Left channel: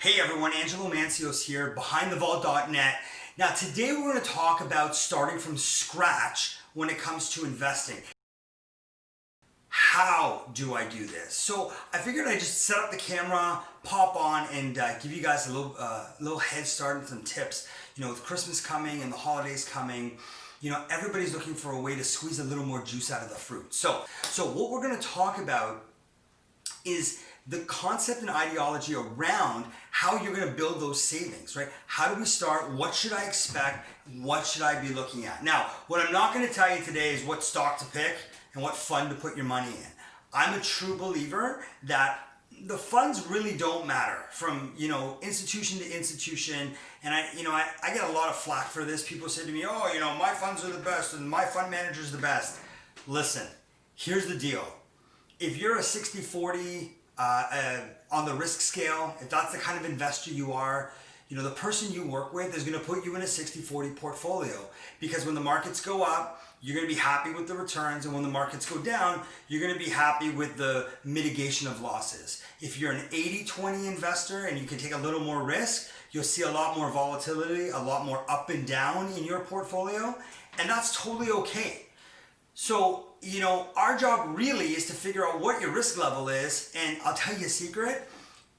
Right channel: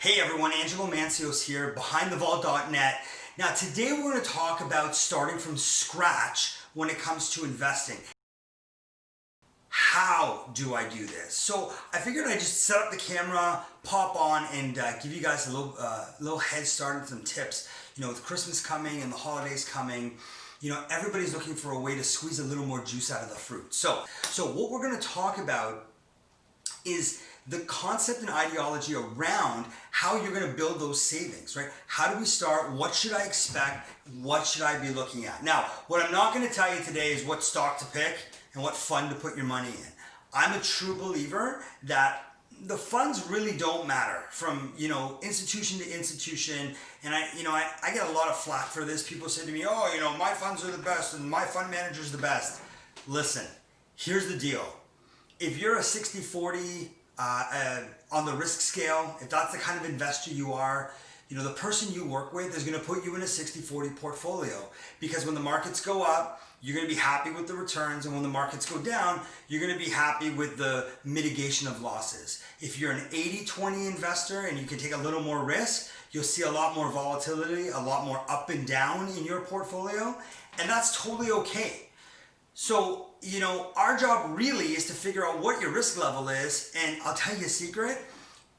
Hey everyone, Angelo here, behindthevault.net. Now today we're going to talk about starting from scratch when it comes to investing. How do I do this? So I figured I'd just set up the camera, pop on, and give you guys a little head start and some tips. You know, with Christmas coming and the holidays coming, you know, everybody's looking for a way to squeeze a little more juice out of the fruit. So what we're going to talk about is the concept and ideology around how you're going to build those savings, right? How do we start? What should I expect? What should I be looking at? Now, what I'm not going to tell you today is what stock to pick and what fund to put your money in. I'm a true believer that the funds really don't matter from, you know, institution to institution. And I get a lot of flack for this. People say to me, oh, you know, my funds are the best and my fund manager is the best. Listen, here's the deal. If you're a 60-40 on the risk scale, if that's the kind of investor you are, you know, the person you work with is going to put you in a 60-40 portfolio, because when the markets go up, you're going to be happy with the returns, and when the markets go down, you're going to be happy with the mitigation of losses. If you're an 80-20 investor and you can take a little more risk, you'll see a lot more volatility, a lot more up and down in your portfolio, and that's totally okay. So, you know, our job really is to figure out what your risk level is, and I'll tell you a secret.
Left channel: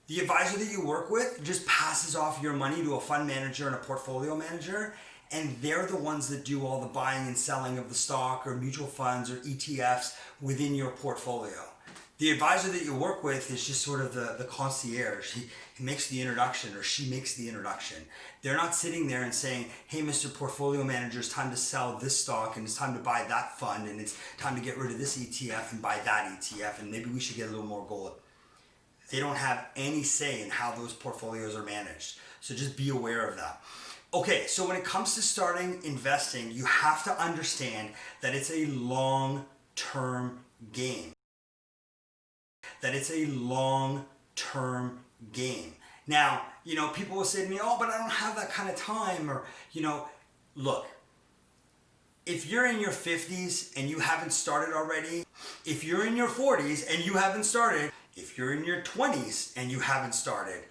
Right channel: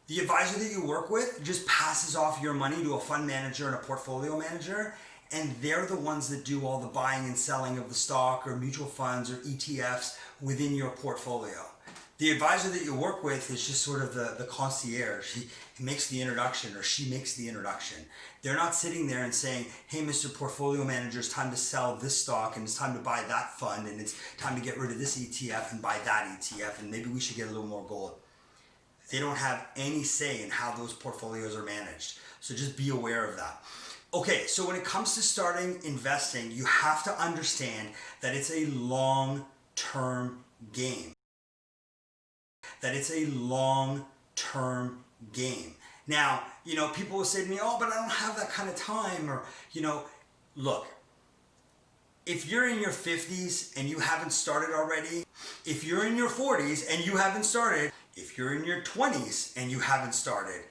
The advisor that you work with just passes off your money to a fund manager and a portfolio manager, and they're the ones that do all the buying and selling of the stock or mutual funds or ETFs within your portfolio. The advisor that you work with is just sort of the concierge. He makes the introduction, or she makes the introduction. They're not sitting there and saying, hey, Mr. Portfolio Manager, it's time to sell this stock, and it's time to buy that fund, and it's time to get rid of this ETF and buy that ETF, and maybe we should get a little more gold. They don't have any say in how those portfolios are managed. So just be aware of that. Okay, so when it comes to starting investing, you have to understand that it's a long-term game. Now, you know, people will say to me, oh, but I don't have that kind of time. Or, you know, look, if you're in your 50s and you haven't started already, if you're in your 40s and you haven't started, if you're in your 20s and you haven't started,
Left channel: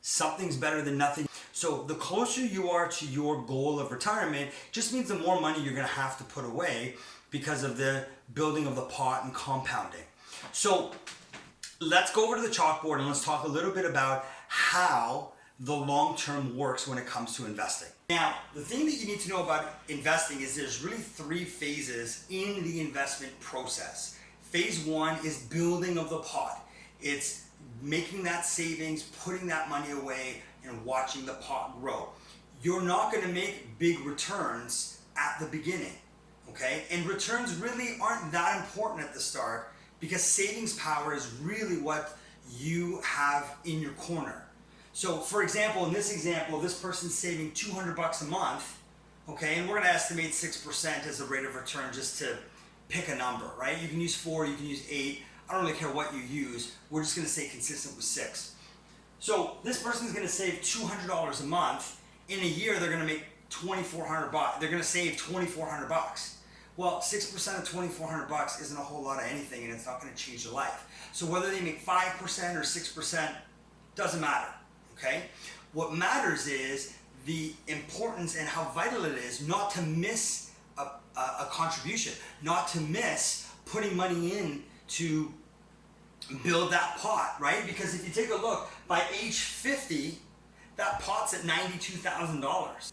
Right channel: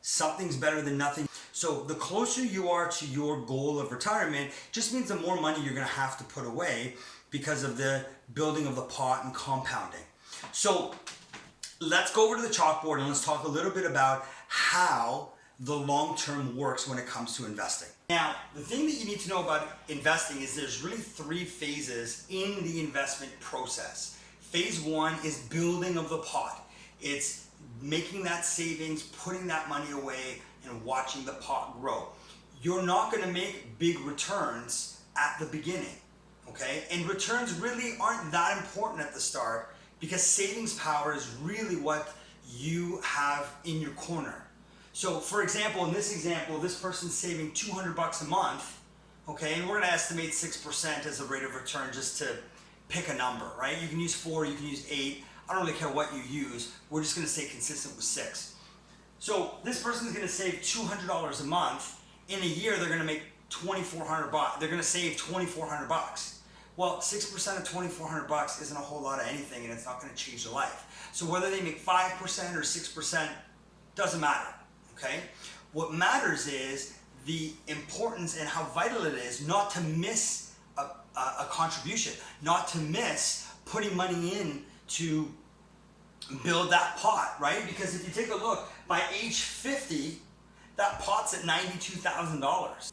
something's better than nothing. So the closer you are to your goal of retirement just means the more money you're going to have to put away because of the building of the pot and compounding. So let's go over to the chalkboard and let's talk a little bit about how the long term works when it comes to investing. Now, the thing that you need to know about investing is there's really three phases in the investment process. Phase one is building of the pot. It's making that savings, putting that money away, and watching the pot grow. You're not going to make big returns at the beginning, okay? And returns really aren't that important at the start, because savings power is really what you have in your corner. So for example, in this example, this person's saving $200 a month, okay? And we're gonna estimate 6% as a rate of return just to pick a number, right? You can use 4, you can use 8. I don't really care what you use. We're just gonna stay consistent with 6. So this person's gonna save $200 a month. In a year, they're gonna make $2,400. They're gonna save $2,400. Well, 6% of $2,400 isn't a whole lot of anything, and it's not going to change their life. So whether they make 5% or 6% doesn't matter, okay? What matters is the importance and how vital it is not to miss a contribution, not to miss putting money in to build that pot, right? Because if you take a look, by age 50, that pot's at $92,000.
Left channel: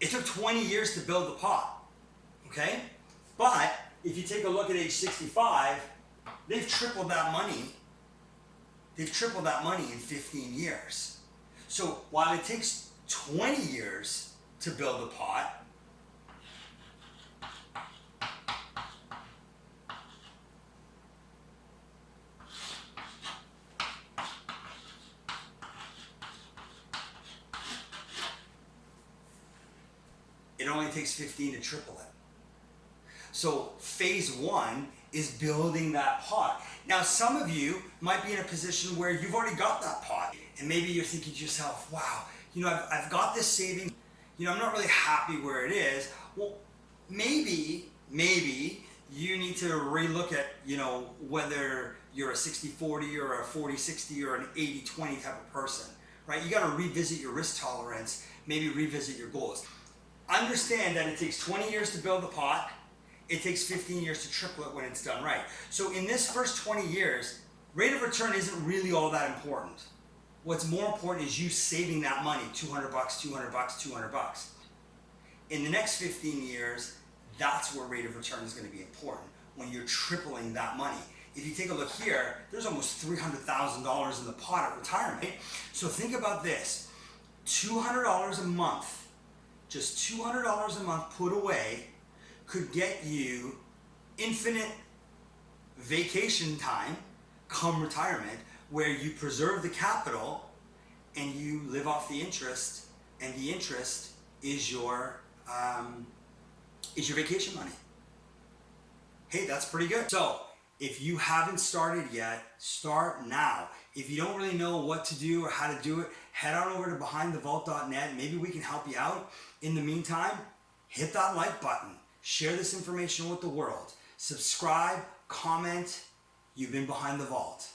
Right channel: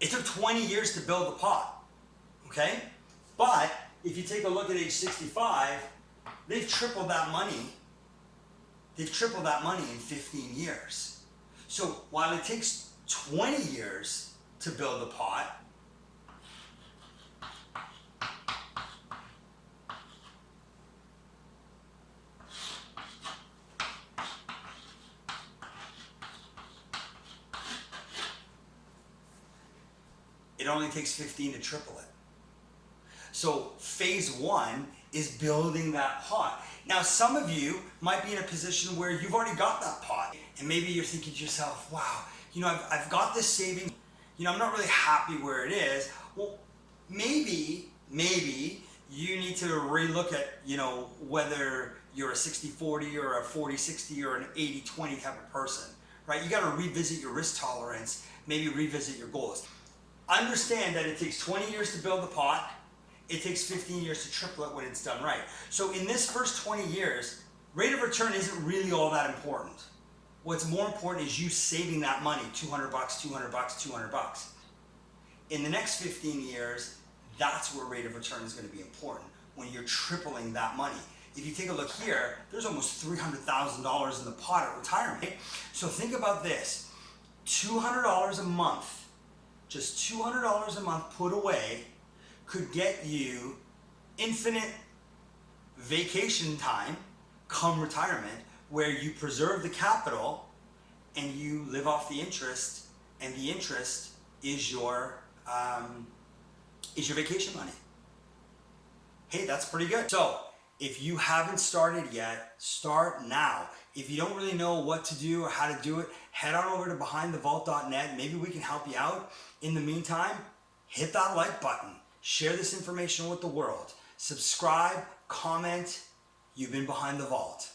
It took 20 years to build the pot, okay? But if you take a look at age 65, they've tripled that money. They've tripled that money in 15 years. So while it takes 20 years to build the pot, it only takes 15 to triple it. So phase one is building that pot. Now, some of you might be in a position where you've already got that pot, and maybe you're thinking to yourself, wow, you know, I've got this savings, you know, I'm not really happy where it is. Well, maybe you need to relook at, whether you're a 60-40 or a 40-60 or an 80-20 type of person, right? You got to revisit your risk tolerance, maybe revisit your goals. Understand that it takes 20 years to build the pot. It takes 15 years to triple it when it's done right. So in this first 20 years, rate of return isn't really all that important. What's more important is you saving that money, $200, $200, $200. In the next 15 years, that's where rate of return is going to be important, when you're tripling that money. If you take a look here, there's almost $300,000 in the pot at retirement. So think about this, $200 a month, just $200 a month put away could get you infinite vacation time come retirement, where you preserve the capital and you live off the interest, and the interest is your vacation money. Hey, that's pretty good. So if you haven't started yet, start now. If you don't really know what to do or how to do it, head on over to behindthevault.net. Maybe we can help you out. In the meantime, hit that like button. Share this information with the world. Subscribe, comment. You've been Behind the Vault.